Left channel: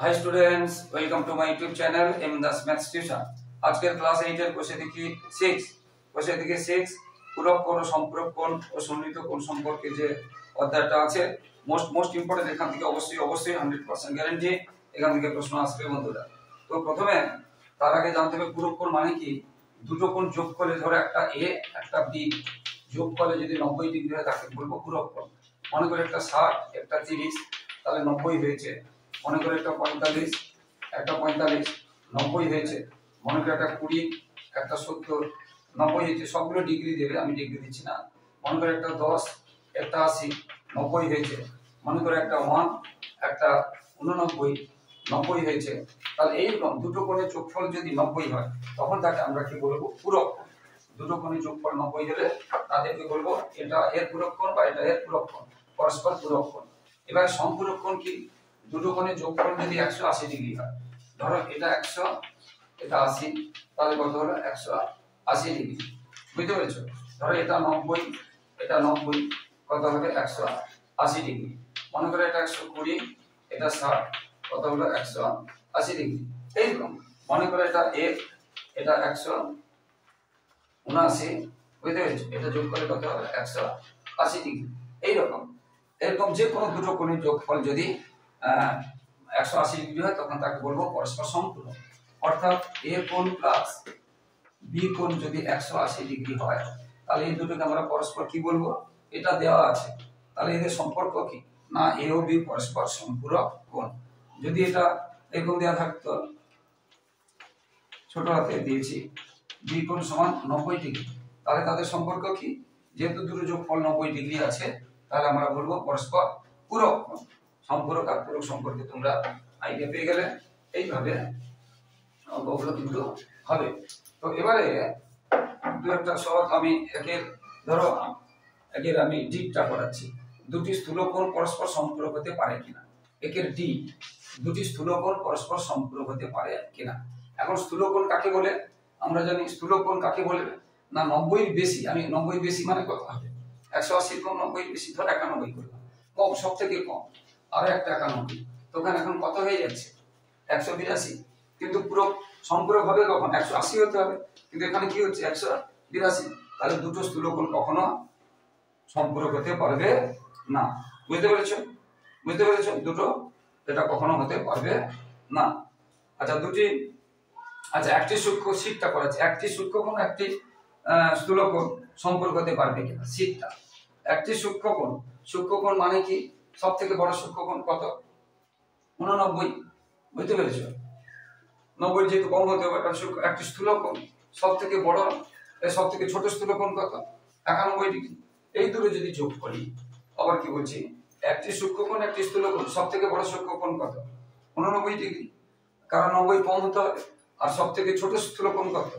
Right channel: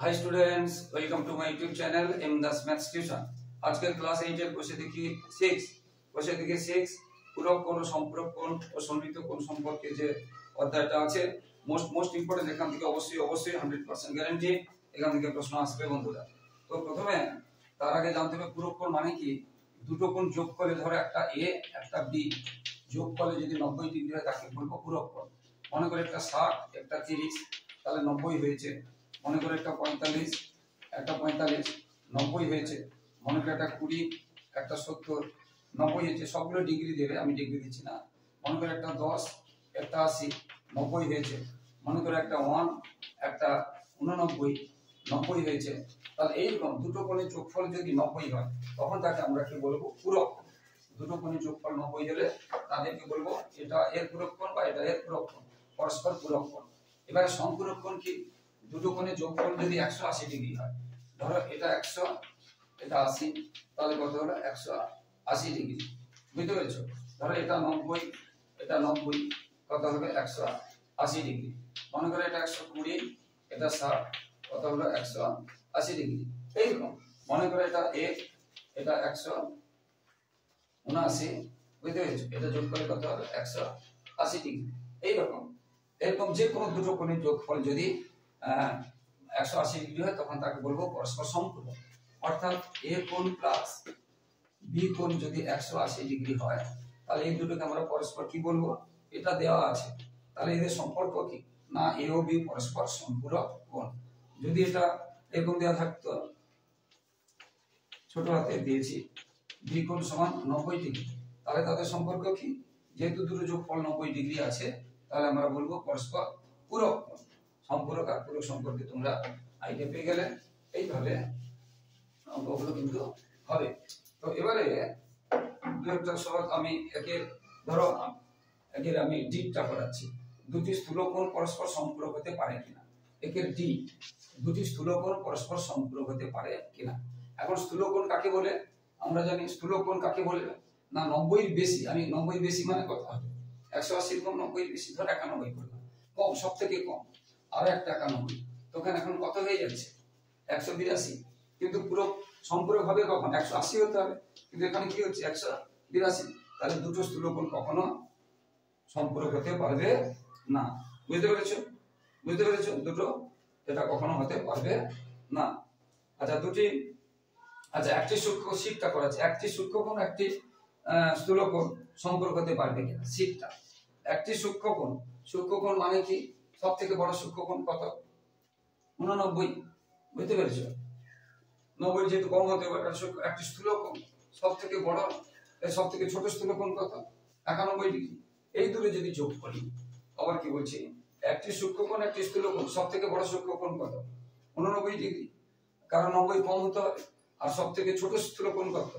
Hi students, welcome to my YouTube channel M Das maths tuition. আজকের class 8 এর কোষে দেখি 6 পূরক কোণ ও সম্পূরক কোণ ও সমমিত কোণ সম্পর্কে যে অধ্যায়টা আছে মোস্ট ইম্পর্টেন্ট। এখান থেকে অবশ্যই 100% গ্যারান্টি এখান থেকে প্রশ্ন আসবে বন্ধুরা। তো প্রথমে তার আগে জানতে হবে পূরক কোণ মানে কি। দুটো কোণ যোগ করে, ধরো একটা এ একটা বি যোগ করে যদি 90 ডিগ্রি হয় তাকে বলবো পূরক কোণ। মনে করে একটা 60 একটা 30, তাহলে 90 হয়েছে। মনে করে একটা 45 একটা 45 90 হয়েছে। মনে করে একটা 20 একটা 70 90 হয়েছে। সবগুলো ডিগ্রি দেবে, আমি ডিগ্রি দিচ্ছি না। মনে করে একটা 10 একটা 80 90 হয়েছে। মনে করে একটা 1 একটা 89 90 হয়েছে। তাহলে এইরকম দুটো কোণের যোগফল যদি 90 হয় তখন তাকে আমরা কি বলবো? পূরক কোণ। দুটো কোণের যোগফল 90 হলে তাদেরকে বলবো এটা এর পূরক কোণ বা এটা এর পূরক কোণ, পরস্পর পূরক কোণ। এবার সম্পূরক কোণ কি? দুটো কোণের যোগফল যদি 180 ডিগ্রি হয়, ধরো এটা 100 এটা 80, তাহলে কত হলো? 180 ডিগ্রি। বুঝতে পেরেছো? ধরো এটা 90 এটা 90, কত হবে? 180 ডিগ্রি। মনে করো এটা 120 এটা 60, কত হলো? 180 ডিগ্রি। এইরকম মনে করো এটা এটা 179, বুঝতে পেরেছো? এটা যোগ করে কত হবে? 180 ডিগ্রি। এরকম যে কোনো দুটো কোণের যোগফল যদি 180 ডিগ্রি হয় তখন তাকে বলবো পরস্পর সম্পূরক। অর্থাৎ এ কোণ প্লাস বি কোণ যদি 180 ডিগ্রি হয় তাহলে এই দুটোকে আমরা পরস্পর কি বলবো? এটা দেওয়া আছে, তাহলে এদের সম্পর্ক কি না? এ ও বি পরস্পর সম্পূরক কোণ। যদি এটা এরকম দেওয়া থাকতো, ছোট হাতে দিয়েছি বি কোণ সমান 90 ডিগ্রি, তাহলে তাদের সম্পর্ক কি? যেহেতু দুটো যোগফল 90 ডিগ্রি আছে তাহলে আমরা বলবো পরস্পর পূরক কোণ। সম্পূরক আর পূরক সম্পর্কে তোমরা আইডিয়া পেয়ে গেলে এইভাবে অঙ্কগুলো কিন্তু হবে। তো এবারে দু একটা সহজ আমি একের আমি ডিটা করাচ্ছি। দুটি স্থূলকোণ পরস্পর সম্পূরক হতে পারে কিনা। একের ডি, দুটি স্থূলকোণ পরস্পর সম্পূরক হতে পারে কিনা। এখন স্থূলকোণ কাকে বলে? আমরা জানি স্থূলকোণ কাকে বলে না 90 এর বেশি। আমি 90 এর বেশি মানে কত হবে? 180 কম 90 এর বেশি, ধর 91 করলাম, কম সব থেকে কম আর একটা 91, তখন এখন কত হয়ে যাচ্ছে? 182। কিন্তু পুরো সম্পূরক হবে কখন? 180 হতে হবে, কিন্তু এখানে কি হচ্ছে? 182। তাহলে দুটো স্থূলকোণ কখনো সম্পূরক হতে পারবে না। বুঝতে পেরেছো? দুটো এটা কখনো হতে পারবে না। আচ্ছা একটি সূক্ষ্ম শীটটা করাচ্ছে। একটি সূক্ষ্মকোণ একটি স্থূলকোণ সম্পর্ক হতে পারবে কিনা শীটটা। একটি সূক্ষ্মকোণ মানে কি? সব থেকে বড় সূক্ষ্মকোণ কত? 89। বুঝতে পেরেছো? 90 যেহেতু কম হতে হবে, একটি স্থূলকোণ সব থেকে বড় সব থেকে ছোট স্থূলকোণ কত? 91 ডিগ্রি। এই দুটো যদি যোগ করি, আবার কি বলছি, একটি সূক্ষ্মকোণ একটি স্থূলকোণ সব থেকে বড় সূক্ষ্মকোণ কত? 89 ডিগ্রি, কারণ 90 কম হতে হবে। আর সব থেকে ছোট স্থূলকোণ কত?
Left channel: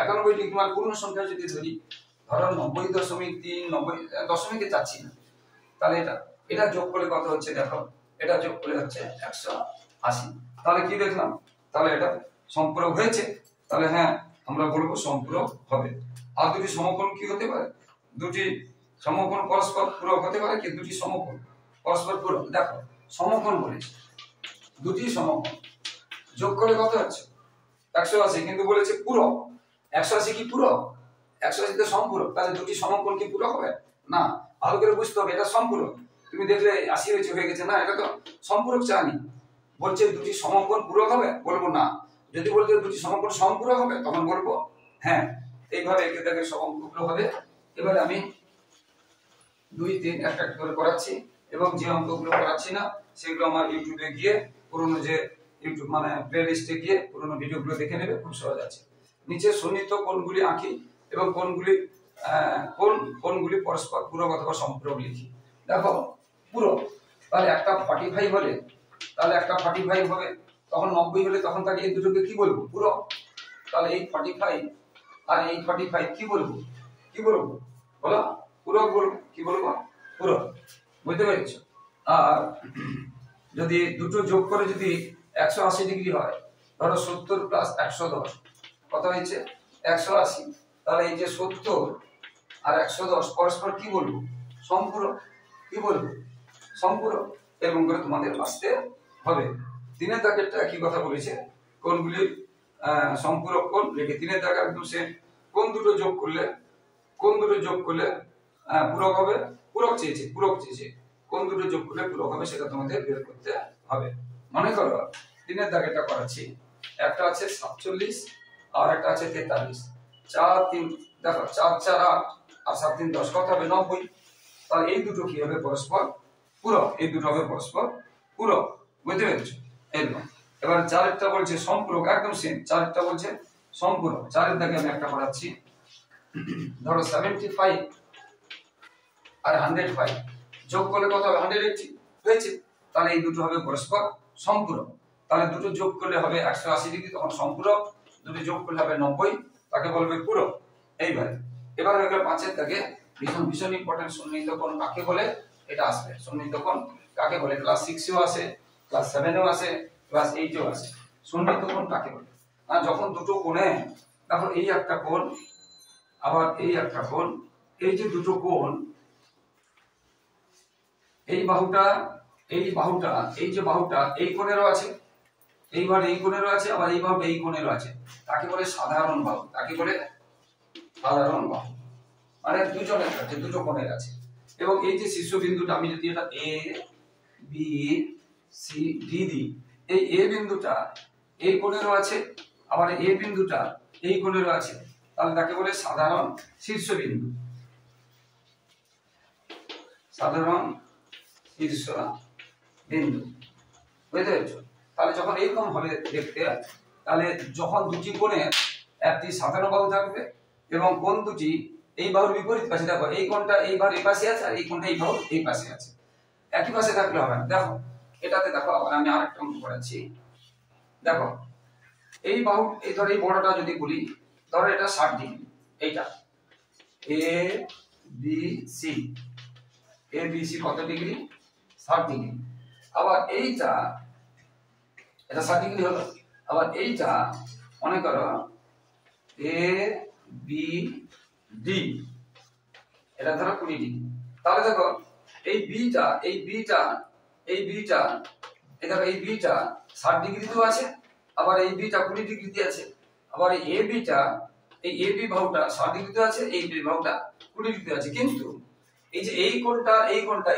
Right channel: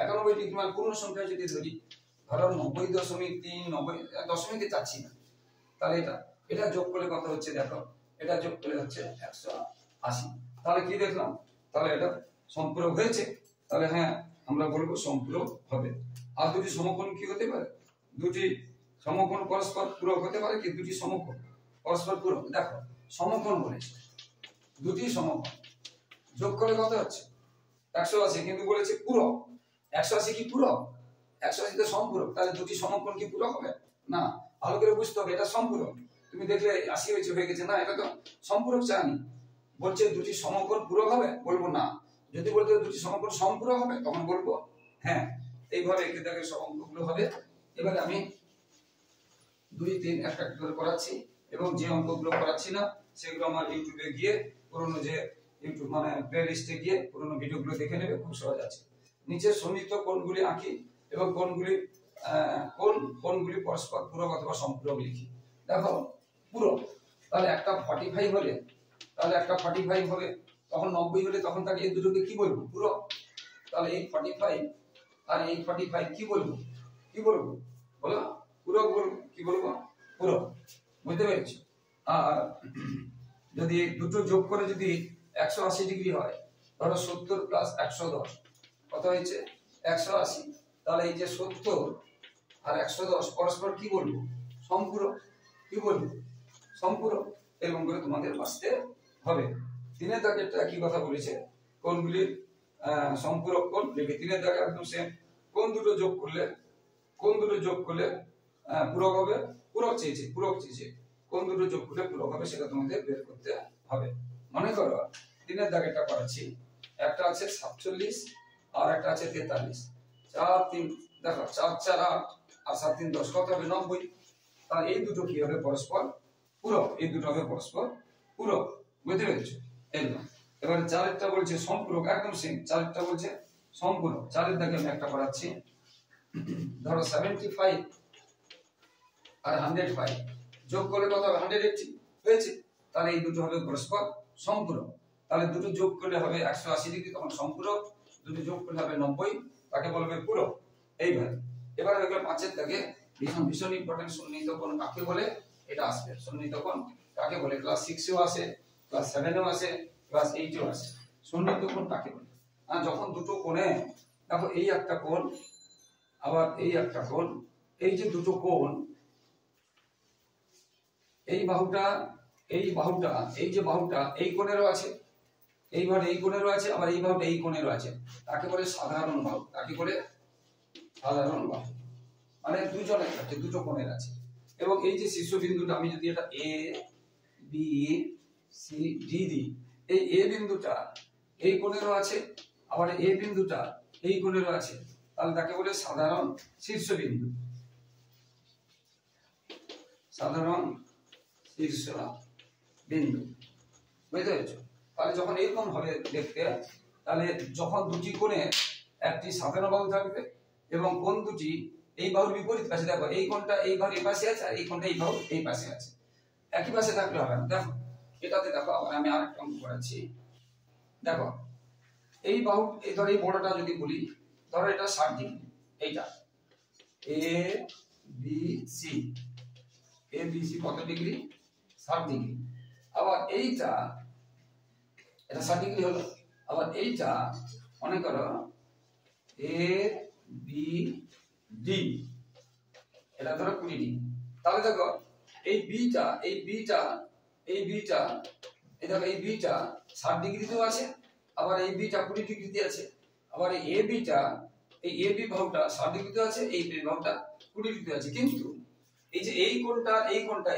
91 ডিগ্রি। মানে পূর্ণ সংখ্যা যদি ধরি, ধরো 90.3, 90 দশমিকে যাচ্ছি না, তাহলে এটা যোগ করলে কত হচ্ছে? দেখো এটা যোগ করলে হচ্ছে 180। তাহলে কি দেখলাম? তাহলে এটা সম্পূরক হয়েছে। তাহলে হ্যাঁ আমরা বলবো সম্পূরক হবে। আর দুটি সমকোণ কি হতে পারে? দুটি সমকোণ পরস্পর পূরক হতে পারে কি? দুটি সমকোণ পরস্পর পূরক। দেখো সমকোণ বলেছে, দুটি সমকোণ যোগ করে কত হচ্ছে? 180, কিন্তু বলেছে পূরক। 180 কি পূরক? 180 তো সম্পূরক। তাহলে দুটি সমকোণ কি পূরক হবে না? ভালো করে বুঝতে হবে এটা সম্পূরক। তুমি দেখলে 80 হয়ে গেছে না, এটা তো সম্পূরক চাইনি। বলছে দুটি সমকোণ পূরক হবে, বলবো না। যদি বলতে দুটি সমকোণ সম্পূরক হবে তখন বলবো হ্যাঁ। এইভাবে একে দেখে সব অঙ্কগুলো হবে। এবারে আমি 2, 3 একটা করে করাচ্ছি, এবং যে অঙ্কগুলো করাচ্ছি না সেগুলো আমার ইউটিউবে গিয়ে পুরনো যে ইউটিউব মানে প্লে লিস্টে গিয়ে পুরনো ভিডিওগুলো দেখে নেবে, খুব সহজ আছে। নিচে সন্নিহিত কোণগুলি আঁকি এবং কোণগুলি পরস্পর পূরক অথবা সম্পূরক লিখি। দেখো পূরক, তাহলে একটা 45 হলে, তাহলে একটা 45 হবে, তখন 90 হলে তখন তাকে এই দুটোকে কি বলবো? পূরক। তাহলে এই 45 আর এই 45 কি বলবো? বলো পূরক বলবো। কি বলবো? পূরক। বুঝতে পেরেছো? আর যদি দুটো যোগ করে যদি 180 ডিগ্রি হয়, ধরো 70 প্লাস 110 কত হয়েছে? 180। তাহলে এই যে 70 আর 110 পরস্পর কি বলবো? সম্পূরক। কি বলবো? সম্পূরক। এরকম করে তোমাদের বাঁচতে হবে। তিনের দাগেরটা কি কথা বলেছে, কোণগুলি সম্পূরক কোণ লিখে তিনের দাগ একদম সে কোণ দুটো যোগ করলে পূরক হবে, পূরক চেয়েছে কোণ দুটো যোগ করলে পূরক হবে, সেটা তোমাদের বের করতে হবে। মনে করো তিনের দাগেরটা করাচ্ছি, একটা আছে 47 আর একটা আছে 43, 4 3 দেখো 4 4 8 আর 7 3 10 কত হবে 90। তাহলে এই দুটো কি হবে পরস্পর পূরক, এই দুটো হবে পরস্পর পূরক, বুঝতে পেরেছো? এরকম। এবার চারেরটা বলছে সম্পূরক, একদম সেম। চারেরটা বলছে সম্পূরক, চারের দাগে আমি একটা করাচ্ছি, ধরো 75 আর 105 যোগ করলে কত হবে 180 হয়েছে। তাহলে এই দুটো হবে পরস্পর সম্পূরক। তাহলে দুটো যোগ করলে হবে 180 ডিগ্রি, তখন সম্পূরক। দুটো যোগ করলে হবে 90, তাকে বলবে পূরক। এইভাবে এবার হয়ে গেল পাঁচের দাগে ভীষণ ভীষণ ইম্পর্টেন্ট, সন্নিহিত কোণ কাকে বলে এটা আসবে। সন্নিহিত কোণ কাকে বলে? ক্লাস 6 এও আসে, ক্লাস 7 এও আসে, ক্লাস 8 এও আসে। সন্নিহিত কোণ কাকে বলে? আর যখন দুটো কোণে দেখো এই একটা কোণ আবার এই একটা কোণ, এই যে দুটো কোণ, এই বাহুটা এই যে বাহুটা এই কোণেরও আছে, এইবার এই কোণেরও আছে, আবার এই বাহুটা এই কোণেরও আছে, তাকে বলে সাধারণ বাহু। তাকে বলে সাধারণ বাহু, মানে দুজনের আছে, দুটো কোণের আছে। এবং এই যে শীর্ষবিন্দুটা আমি যদি এটা এ বি সি ডি দিই, এই এ বিন্দুটা এই কোণেরও আছে, আবার এ বিন্দুটা এই কোণেরও আছে, তাহলে তাকে বলে সাধারণ শীর্ষবিন্দু। সাধারণ শীর্ষবিন্দু, বুঝতে পেরেছো? তাহলে যখন এইরকম হবে দেখতে, তাহলে যখন দুটি কোণে একটি সাধারণ বাহু থাকবে এবং কোণ দুটি এই বাহুর বিপরীত পাশে, দেখো এই কোণটা এই বাহুর এই পাশে আছে আর এই কোণটা এই বাহুর এই পাশে আছে, একই পাশে থাকলে হবে না। দেখো এটাতে দেখো আবার আমি আরেকটা অঙ্ক করেছি, দেখো এই বাহু এই ধর এই বড়টা যদি বলি, ধরো এটা 60 ডিগ্রি, এইটা A B C, A B C কত ডিগ্রি 60 ডিগ্রি। আবার এইটা এটা 60 ডিগ্রি হলো, আবার এইটা মনে করো এ বি ডি, এটা ধরো 20 ডিগ্রি। তাহলে দেখো এই বিটা দেখো এই বিটা 60 ডিগ্রিতেও আছে, আবার এই বিটা 20 ডিগ্রিতে আছে, আবার এই এ বিটা এই এ বি বাহুটা 60 ডিগ্রিতে আছে, এই বি বাহুটা 20 ডিগ্রিতে আছে। কিন্তু এই যে এই কোণটা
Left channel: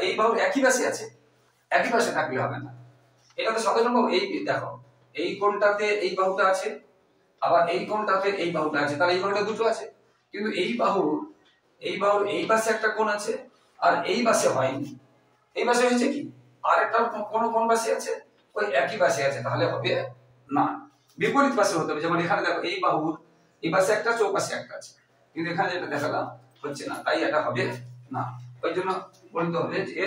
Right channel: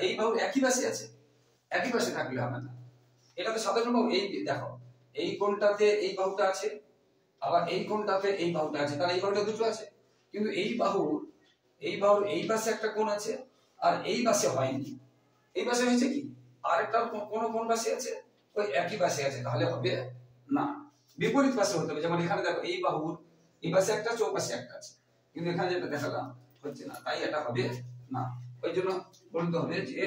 এই বাহুর একই পাশে আছে, একই পাশে থাকলে হবে না। এটা তো সাধারণ বাহু। এই দেখো এই কোণটাতে এই বাহুটা আছে, আবার এই কোণটাতে এই বাহুটা আছে, তাহলে এই বাহুটা দুটো আছে। কিন্তু এই বাহুর এই পাশে একটা কোণ আছে আর এই পাশে হয়নি, এই পাশে হয়েছে কি আর একটা কোন পাশে আছে, ওই একই পাশে আছে, তাহলে হবে না, বিপরীত পাশে হতে হবে। যেমন এখানে দেখো এই বাহুর এই পাশে একটা আছে, ও পাশে একটা আছে, কিন্তু এখানে যেটা দেখালাম হচ্ছে না, তাই এটা হবে না। ওই জন্য বলতে হবে যে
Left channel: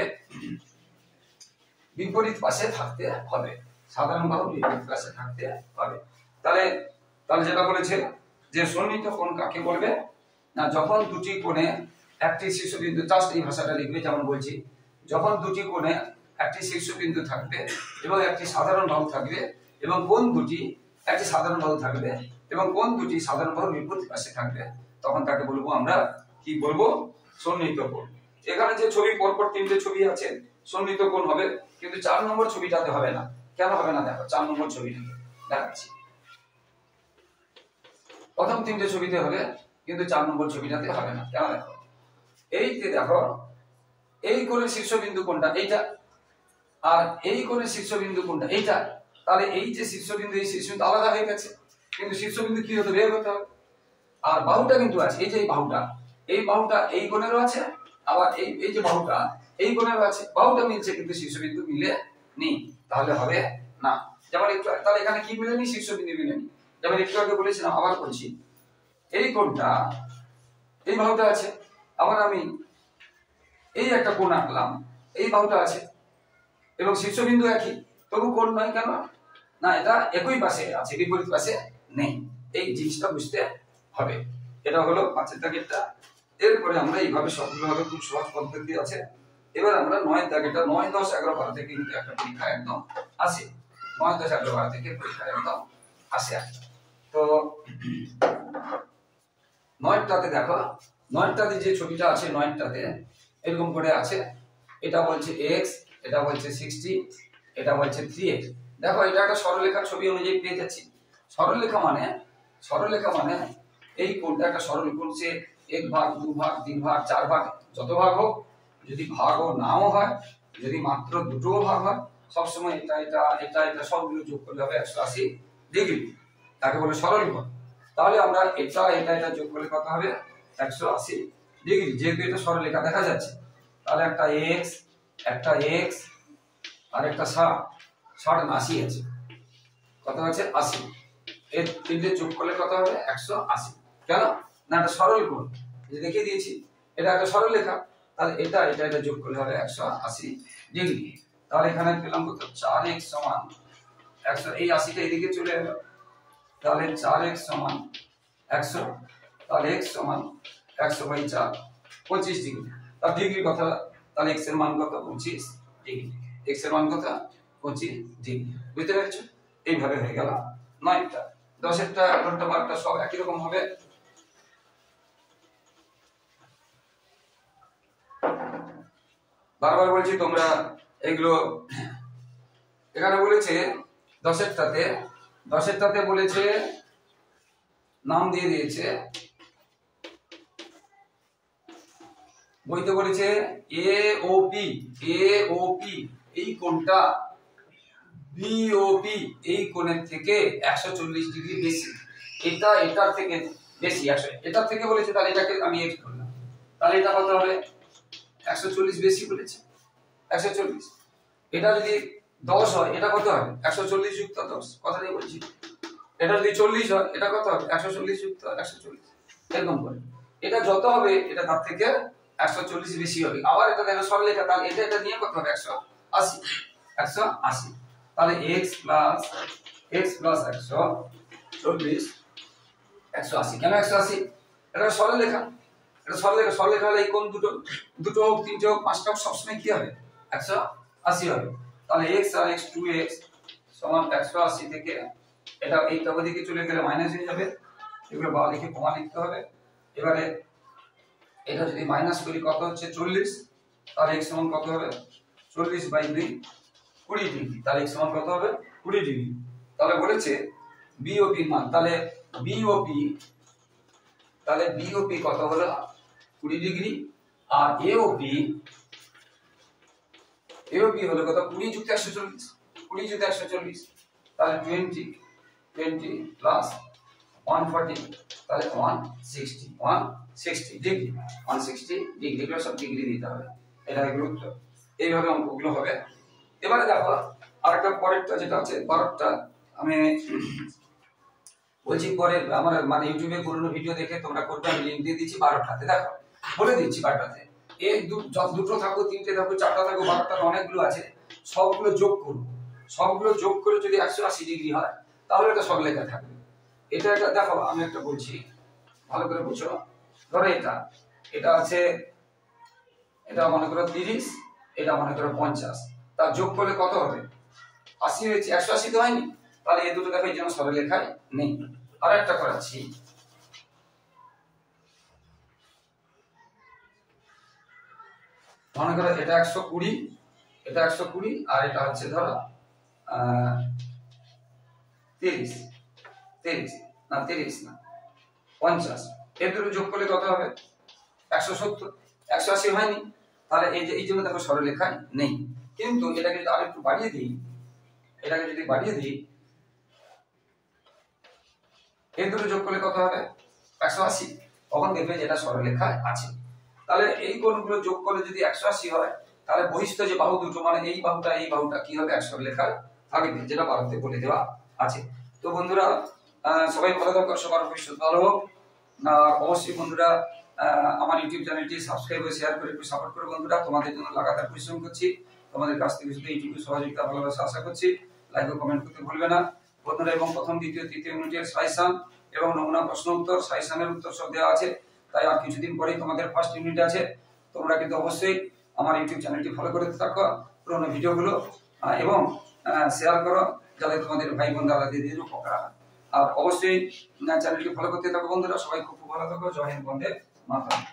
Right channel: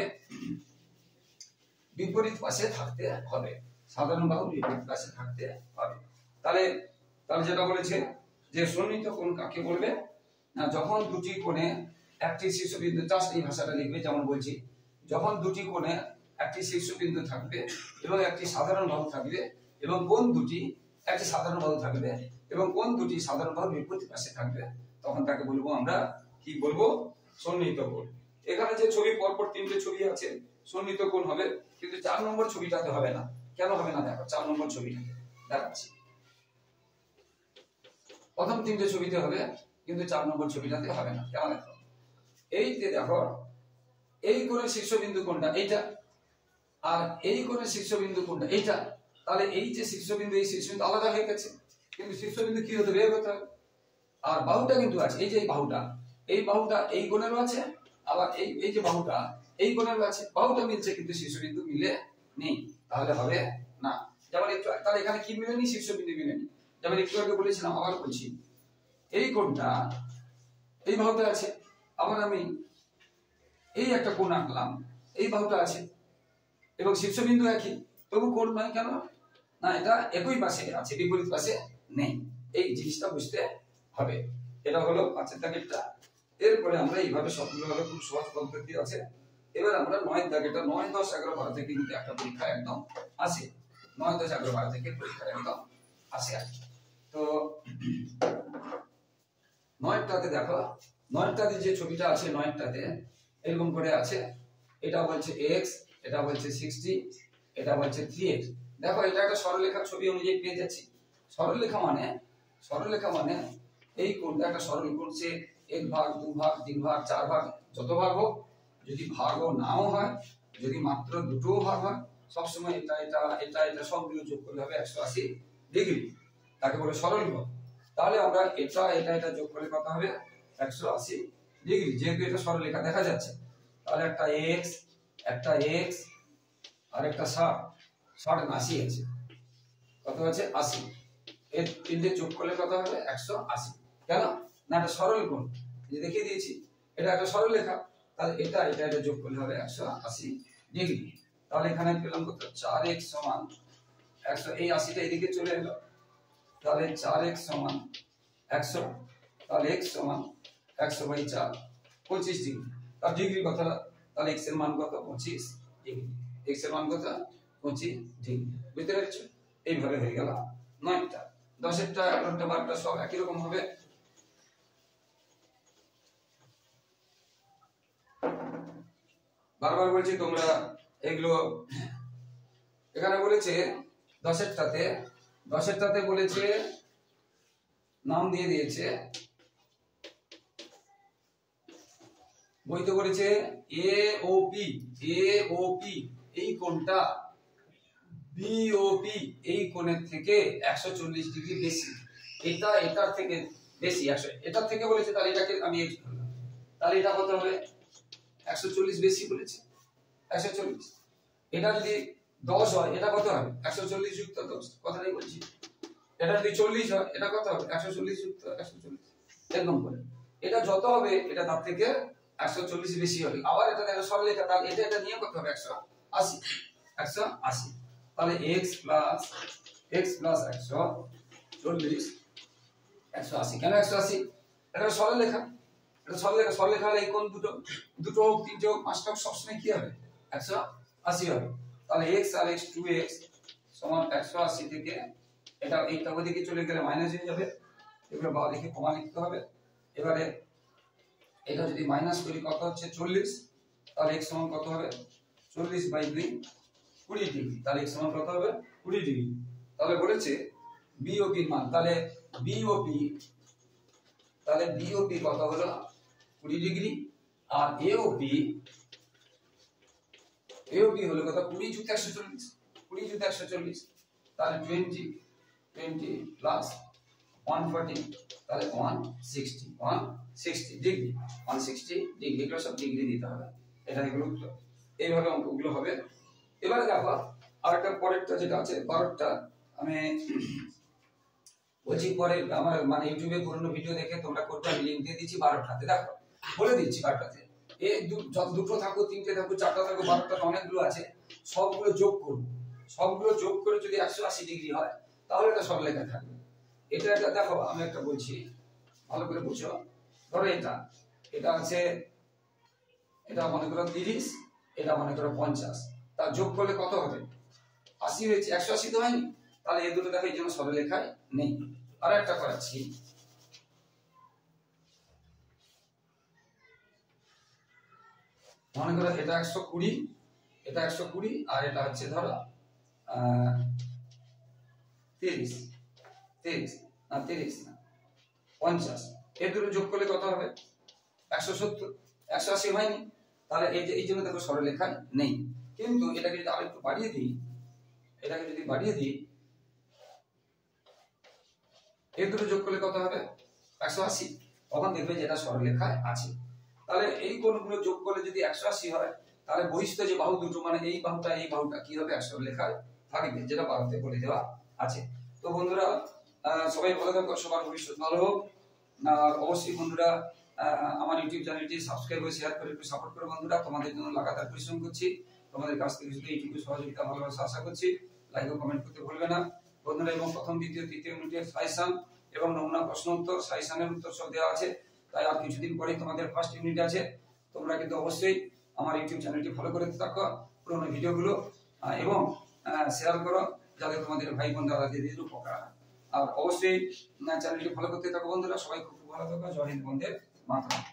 বিপরীত পাশে থাকতে হবে, সাধারণ বাহু বিপরীত পাশে থাকতে হবে। তাহলে যেটা বলেছে যে সন্নিহিত কোণ কাকে বলবে না, যখন দুটি কোণে একটি শীর্ষবিন্দু, জাস্ট এই ভাষাটা লিখবে, যেমন বলছি যখন দুটি কোণে একটি শীর্ষবিন্দু থাকবে এবং একটি সাধারণ বাহু থাকবে এবং কোণ দুটি একটি সাধারণ বাহু থাকবে এবং কোণ দুটি সাধারণ বাহুর বিপরীত পাশে থাকবে, তখন তাকে বলবো আমরা কি বলবো? সন্নিহিত কোণ। এখানে যে ছবি পরপর তিনটে ছবি আছে সন্নিহিত কোণ হবে, কিন্তু 4 নম্বর ছবিটাতে হবে না। কেন হবে না দেখো, 4 নম্বর ছবিটা দেখাচ্ছি। প্রথম তিনটে ছবিতে হবে, কিন্তু 4 নম্বর ছবিটাতে হবে না। কেন দেখো, এই যে দেখো এই কোণের শীর্ষবিন্দু কোনটা? এইটা। আর এই কোণের শীর্ষবিন্দু কোনটা? এইটা। তাহলে এই যে শীর্ষবিন্দু এই শীর্ষবিন্দু আলাদা হয়ে গেছে, কিন্তু শীর্ষবিন্দু কি হতে বের হতে হবে। আর বাহুটা কিন্তু আছে, এই যে এই বাহুটা এই কোণেরও আছে, আবার এই যে বাহুটা এই কোণেরও আছে, বাহুটা মিলছে কিন্তু শীর্ষবিন্দু মিলে নেই, তাহলে হবে না। যেমন একটু তাহলে এখানে কি মিলেনি? শীর্ষবিন্দু মিলেনি। যেমন একটু আগে বলেছিলাম, আবার বলছি এই কোণটা এই বাহুটা আছে, আবার আমি এই একটা কোণ আঁকলাম, এই বাহুটা আছে এবং শীর্ষবিন্দু একই, তবু কোণ নয় কেন? না, এটা একই পাশে আছে, বিপরীত পাশে নেই। এই জিনিসটা বুঝতে হবে। এটা হলো 5 দাগেরটা। এরপরে আমরা এইভাবে সবগুলো হবে, খুব সহজ পদ্ধতি আছে। এবার আমরা 9 দাগেরটা 9, 10, 11, 12 থেকে কিন্তু একটা পরীক্ষা একদম আসে, 9, 10, 11, 12 থেকে পরীক্ষা একদম আসে। তো 9টাতে দেখো, 9টাতে যে ছবিটা আছে 9টাতে এরকম করে আছে, এটা বলছে x, এটা বলছে 60, এটা বলছে 3x। দেখো এটা একটা সরলরেখার ছবি অনুযায়ী পেয়ে যাচ্ছি। সরলরেখা মানে এই কোণটা একটা সরল কোণ, সে 1 ভাগ 2 ভাগ 3 ভাগ 4 ভাগ যত ভাগ হোক, যদি ভাগও নাও হয়, যদি মাত্র দুটোও ভাগ হয়, সবসময় এটা সবগুলো যোগ করলে হবে 180 ডিগ্রি, তাকে বলে সরল কোণ। তাহলে আমরা এটা যোগ করলে কত হবে? 180 ডিগ্রি। যেহেতু এটা সরলরেখা দেখা যাচ্ছে, তাহলে একটা x আর একটা 60 80 আছে, কত আছে? 80। এর তিনটে যোগ করলে কত হবে? 180। কেন না? এটা সরল কোণ, যে দেখিয়ে দিয়েছি এটা একটা সরলরেখা, তাহলে এটা যোগ করলে হবে 180 ডিগ্রি। তাহলে এখানে পেলাম কত? 4x সমান 100, এই 80টা এদিকে চলে এলো, তাহলে 4x সমান 100, তাহলে x সমান 100/4 25 ডিগ্রি। তার ডিগ্রি কথা, তাহলে x এর মান কত? 25 ডিগ্রি। x এর মান কত? 25 ডিগ্রি। বুঝতে পেরেছো? এইভাবে হয়ে গেল 9টা। 10এরটা 11টা 12টা সব একই রকম হবে। বারবার বলছি তোমরা এগুলো, এখানে বলেছে 10এরটাতে বলেছে, নাম দিয়ে দিয়েছে, বইতে বলেছে AOP এই কোণটা BOP এই কোণের থেকে 140 ডিগ্রি বেশি। এটার থেকে বেশি 100, এটার থেকে বলেছে, তাহলে এটাকে আমি x করলাম, তাহলে এটা কত হবে? 140 বেশি বলেছে, 140। এটা যদি 10 হয়, এটা কত হবে? 140 যুক্ত 10, কথাটাই বলছি। এটা যদি 40 হয়, এটা কত হবে? 140 যুক্ত 140, এরকম করে। এটা যত হবে, এটা তার থেকে 140 বেশি হবে। আবার এটা দেখো সরলরেখা, তাহলে এটা নিয়ে কত হবে? 180। তাহলে x প্লাস 140 180। কেন 180? এটা সরলরেখা, সরলরেখা হলে এই কোণ দুটো হোক, তিনটে হোক, পাঁচটা হোক, সবসময় কি হবে? 180 হবে। তাহলে x আর x 2x সমান 180 থেকে এটা এই তবে দিকে চলে গেলে মাইনাস হয়ে যাবে, এগুলো বা লিখে কমা লিখতে হবে। এবারে এটা যদি মাইনাস করি, কত হচ্ছে? 40। তাহলে x সমান কত হবে? 40/2 20 ডিগ্রি। তাহলে x সমান কত হবে? 20 ডিগ্রি। তাহলে বলেছে BOP এর মান, তাহলে BOP কত হলো? 20 ডিগ্রি। আর AOP হলো কত? 20 যুক্ত 140, তাহলে 20 প্লাস 140, তাহলে 160 ডিগ্রি। 160 ডিগ্রি, এগুলো সব ডিগ্রি দিতে হবে, এটা এগুলো এইভাবে অঙ্কগুলো হবে। এবারে দেখো আরেকটা পরেরটা যেটা আছে 12টা, আমি বলছি পরে আমার মানে ইউটিউবে পুরনো ভিডিও দেখে তোমরা করবে, আমি লিংক দিয়ে দিচ্ছি 12টাতে। দেখো বলে দিচ্ছি 12টাতে, এই দুটো থাকো, তিনটে থাকো, চারটা থাকো, 12টার অনেকগুলো আছে, সবগুলো যোগ করব। সবগুলো যোগ করে যদি 180 ডিগ্রি হয়, তাহলে এটা সরলরেখা থাকবে। এটা দেখো আমি একটা বলছি, ভালো করে বুঝো। ধরো এটা আছে, এটা মনে করো 30, এটা মনে করো 50, তার যোগ করলে কত হবে? 80 হয়েছে, 180 তো হয়নি। তাহলে এই দুটো দেখো এই জন্য সরলরেখায় নেই। আর একটা করাচ্ছি, মনে করো এটা 120, এটা 120, আর এটা হচ্ছে ধরো 30 না 50। এর দুটো যোগ করলে কত হবে? 170। 180 হয়নি, তাহলে এই জন্য দেখো সরলরেখায় নেই। কিন্তু এটাকে যদি আরেকটু বাড়িয়ে দিই, এর দুটো যোগ করলে কত হবে? 180। তখন দেখবে যেটা সরলরেখায় আছে। তাহলে এই কোণগুলো যোগ করলে যদি 180 হয়, তাহলে বহিস্থ যে বাহু দুটো, মানে এই বাহুটা কি হবে? এক সরলরেখায় থাকবে, যেটা বাহুতে বলে দেওয়া আছে। তো বন্ধুরা সবাই ভালো থাকো, সবার ভবিষ্যৎ ভালো হোক। আর অবশ্যই বন্ধুরা আমার ইউটিউব চ্যানেলটি সাবস্ক্রাইব করে শেয়ার করে একটু সাপোর্ট করো বন্ধুরা। তোমাদের জন্য লাগাতার পরিশ্রম করছি, তোমাদের কাছ থেকে শুধু ইউটিউবে সহযোগিতা ভালোবাসা আশা করছি। লাইক ও কমেন্ট করতে ভুলবে না বন্ধুরা। এবং প্রথম, দ্বিতীয়, তৃতীয় ইউনিটের সাজেশন এবং নমুনা প্রশ্ন উত্তর, সাজেশনের উত্তর সব দেওয়া আছে। তাই আর কিছুদিন পরেই তোমাদের ফার্স্ট ইউনিট আছে। তোমরা কিন্তু অবশ্যই আমার ইউটিউব চ্যানেলটি ফলো করে থাকো, পুরোনো ভিডিওগুলো এবং শেয়ার করো, যাতে তোমাদের ভাই বোন দাদা দিদির উপকার হয়। আর অবশ্যই চ্যানেলটি ফলো করতে থাকো বন্ধুরা। সবাই খুব ভালো থাকো। জয় হিন্দ, বন্দে মাতরম।